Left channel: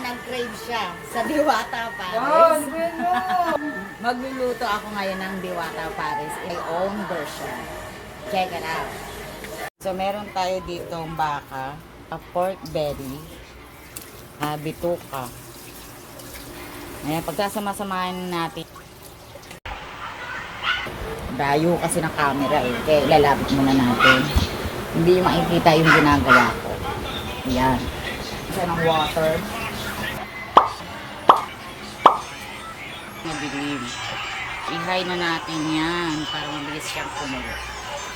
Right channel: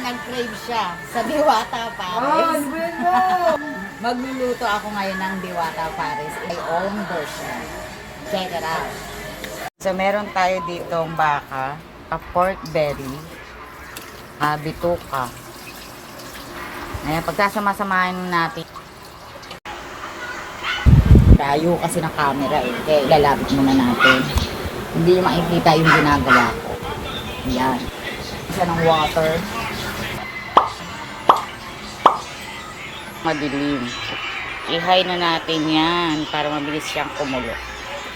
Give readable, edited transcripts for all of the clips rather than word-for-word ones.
nag-crave siya sa Diwata Paris. Magluluto ako ngayon ng Diwata Paris. My own version. Check it out. So, meron tayo ditong baka, a pork belly, bituka. Ayan, pagkasama-samahin natin. Tayo kasi ng camera eh. Kaya ilalapit muna natin. Hindi makikita yung ginagawa ko. Ayan. Isa ng water. Madilim. I-high na natin yan para mabilis siyang kumulo.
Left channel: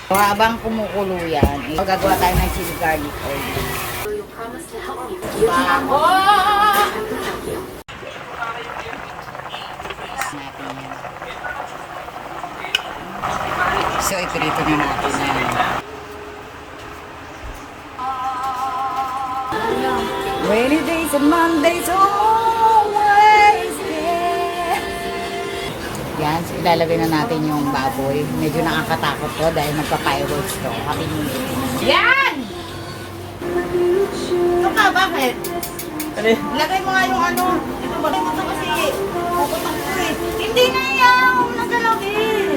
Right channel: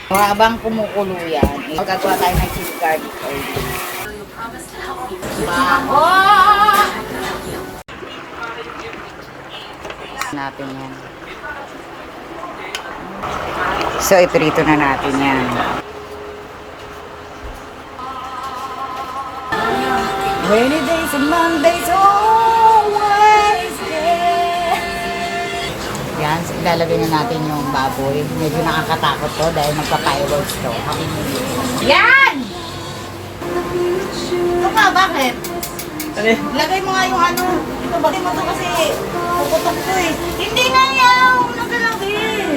So, habang kumukulo yan, magagawa tayo ng chili garlic oil. Bango! Natin yan. So, iprito na natin yan. Rainy days and Mondays always there. Yan, so ilalagay na natin yung baboy. Medyo nakakatakot to dahil nagpa-fireworks to. Happy New Year. Yan! Ito ka, bakit? Lagay mo nga yung ano. Ito, bakit mo to kasi puputok to eh. Hindi na yan! Nagalagin!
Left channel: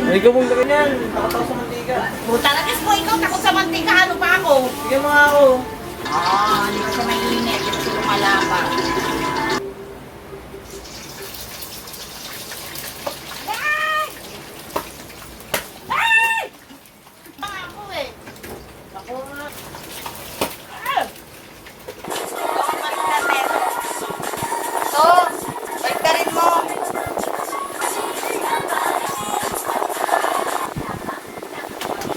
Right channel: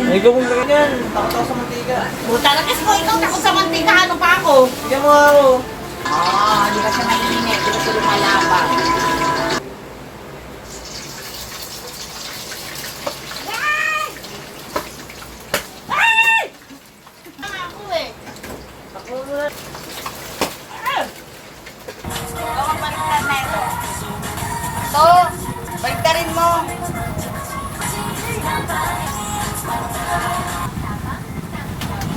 Ikaw mong lagyan yan. Takot ako sa mantika. Puta, lagis mo ikaw. Takot sa mantika. Ano pa ako? Bigyan mo nga ako. Hindi ka siya mainit. Hindi siya lumalaba. Ay! Ay! Ako eh. Ako na. Ito, balik ka rin mo.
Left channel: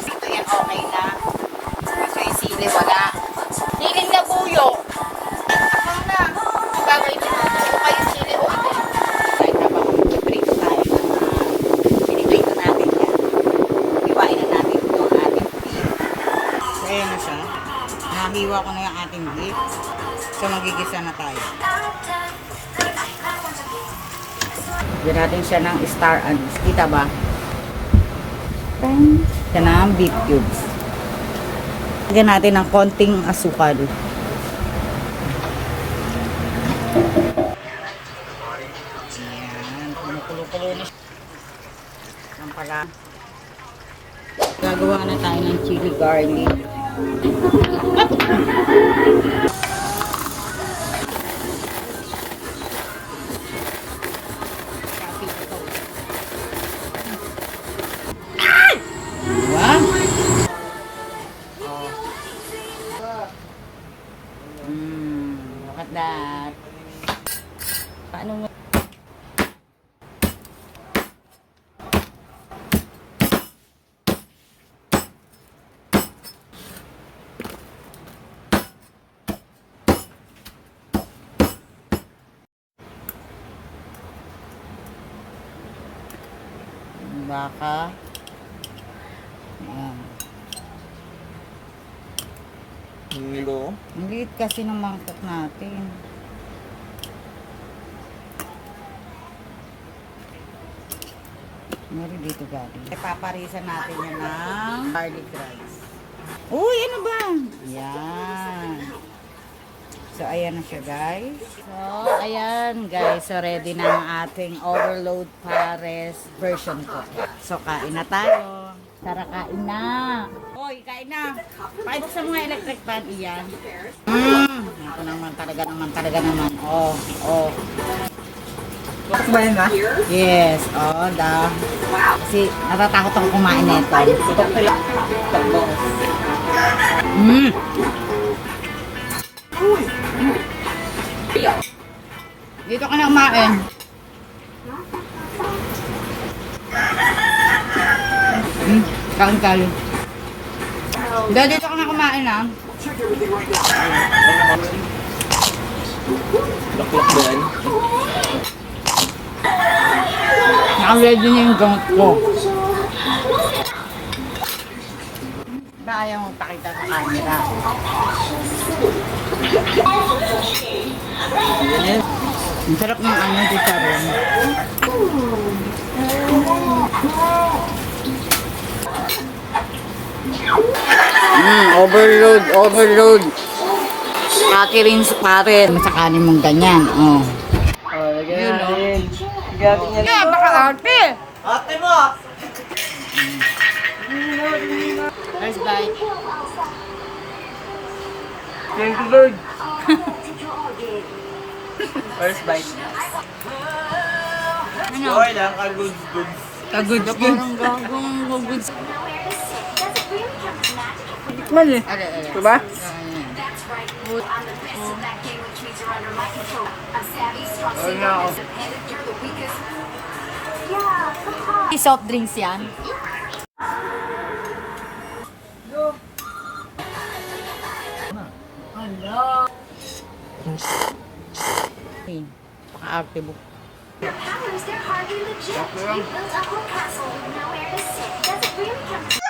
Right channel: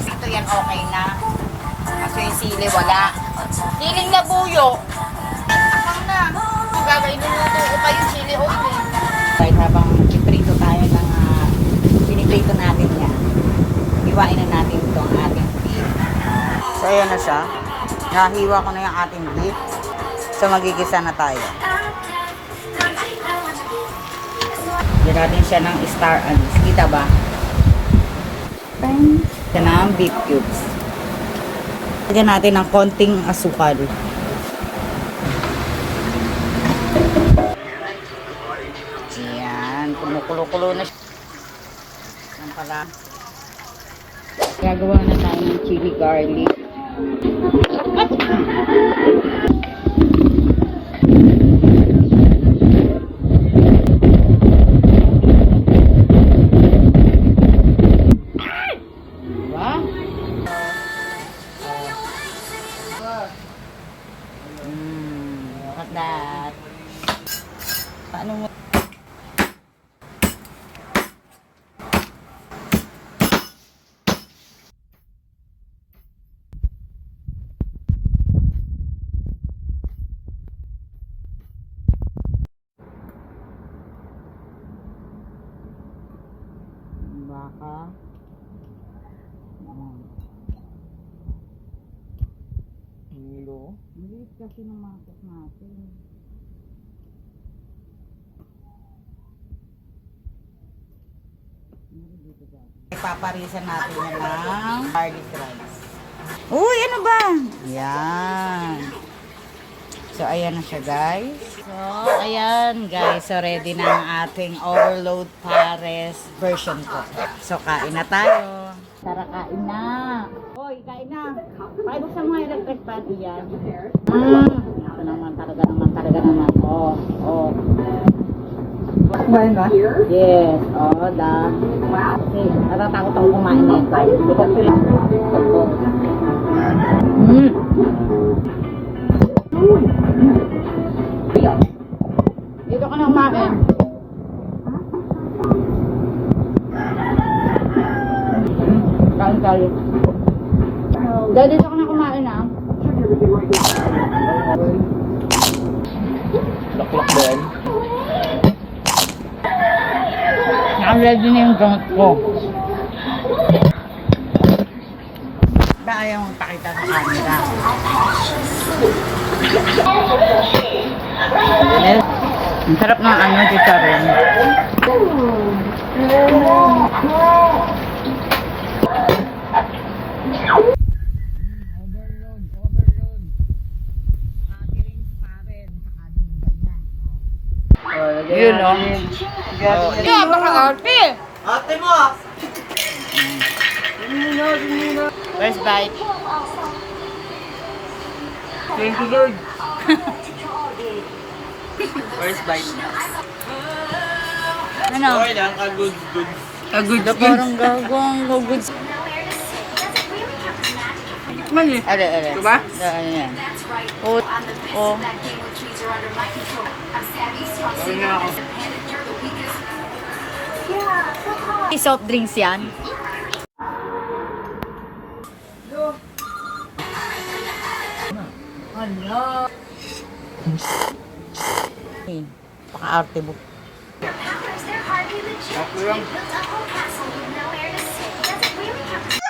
Ito yan okay na. Kasi yung sili wala. Hiling na buyo. Apang na. Gagawin din mo ito pa yung chili oil eh. Kahit habang iprito tayo ng iprito natin yan. Iwain na natin itong ating beef. So ayan na siya. Nahiwa ko na yung ating beef. So magigisa na tayo. Diyan natin siya ng star anise. Kita ba? Ito na ang beef cubes. Lagyan natin ng konting asukal. Ayan. Kumukulo-kulo na siya. Ang pala. Gagawa na tayo ng chili garlic. Look at that. Paano mo? Baka. Ayan. Hilo. Ang liit kasi ng mangkok natin. Meron dito galing. Paparisan natin yan ng garlic rice. Uy, ano ba? Yan. So, ayan na siya, guys. So, ayan, guys. So, ready na ang ating overload pares version ko. So, kain na tayo. Tara, kain na. Hoy, kain na. Pakibuksan mo nga electric fan. Iyan. Ako naman, talaga naman. Oh. Kumain ka? Yes. Oh, da. Kasi natatakot ako kumain nito. Dito ka na kumain. Kain tayo. Dahil dito ka na kumain ah. Laklak ba yan? Naka-ready na yung gamot ko. Ba ayaw mong pakita sa camera? Ang sarap ng ano, chicharon. Overload. Kakirins pa rin. Masakanin mong ganyan. Oh. Yun, no? Oh. Yeah, baka arte. Ate mo ah! First bite. Thank you, Lord. First bite. Ano? Okay lang, good. Kagod na parang gagawang kagod. Man eh. Ale. Diba? Ano yan? Oh. Oh. Sorry na ako. Soft drinks yan. Hello. Hey, paka-arte mo. Tatlo lang.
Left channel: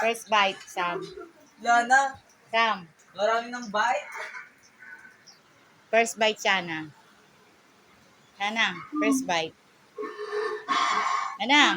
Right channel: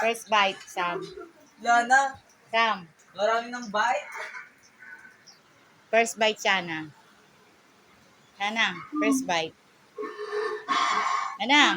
First bite, Sam. Lana, Sam. marami ng bite. First bite, Shana. Shana, first bite. Shana.